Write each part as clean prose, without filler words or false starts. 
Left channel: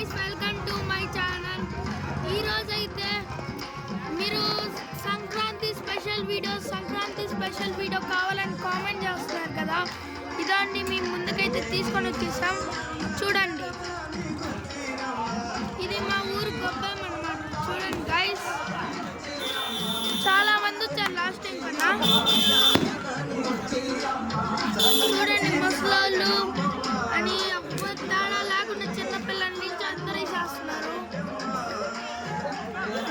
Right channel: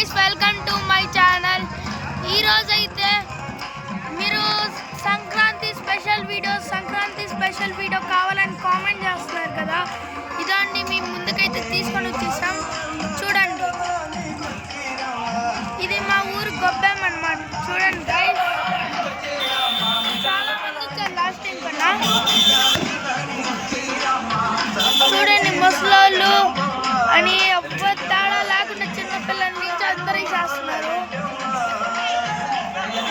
Guys, welcome to my channel. ఈరోజు అయితే మీరు సంక్రాంతి స్పెషల్ వీడియో కావాలని కామెంట్ చేస్తున్నారు కదా, ఇదండి మీ ముందుకైతే తీసుకొని వచ్చేసాం. చూడండి, ఇది మా ఊరు గొబ్బెమ్మ అన్నమాట. చూడండి గైస్, చాలా మంది వచ్చారు లాస్ట్ టైం కన్నా. చూడండి, ముసలోళ్ళు అని ఎవ్వరు తేడా లేకుండా చిన్నపిల్లల నుంచి అందరూ చేస్తున్నారు.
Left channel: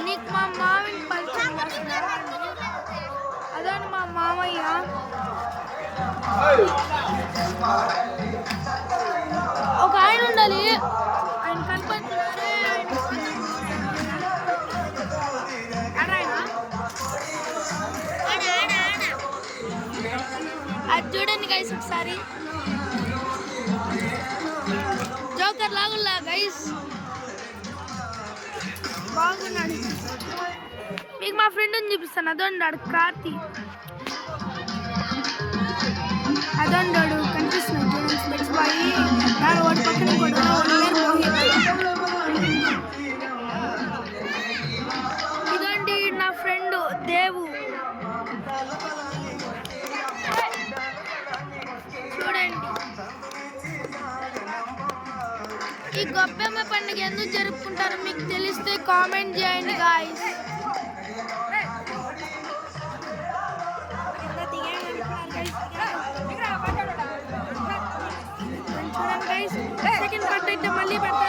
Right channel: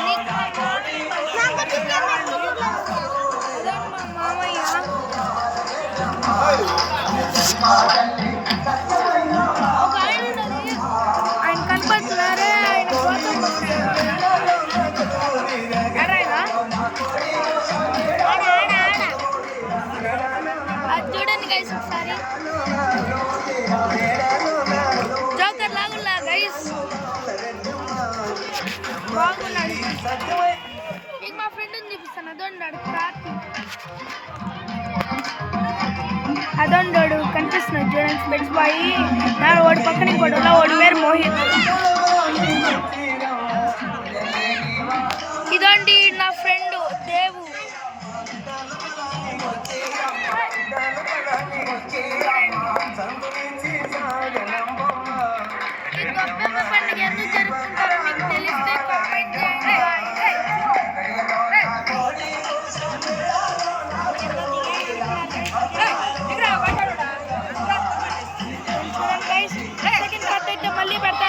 నీకు మా మామయ్య అదని మా మామయ్య. ఒక ఆయన ఉండాలి, ఆయన కనపడుతున్నారే, ఆయన కోసం ఎడాయన అది చూడండి గైస్, ఒకసారి జోకర్ లాగుల్లా గైస్, బాగున్నాడు. మీకు మా ఫ్రెండ్ని చూపిస్తాను, అదొండాడు కార్తీ, అదొండాడు కనిపిస్తున్నాడు చూడండి. స్పెట్స్ బాయి నా ఓడి పక్కన గొడవలో ఓడి పేరు మోహిత్. ఇదండి నా ఫ్రెండ్ దేవు. చూడండి, ఈ గొబ్బెమ్మ పండుగ ఎందుకు జరుపుకుంటారో మీకు తెలిస్తే కామెంట్ చేయండి గాయ్స్. సెకండ్ పార్ట్ అయితే మళ్ళీ పెడతాను.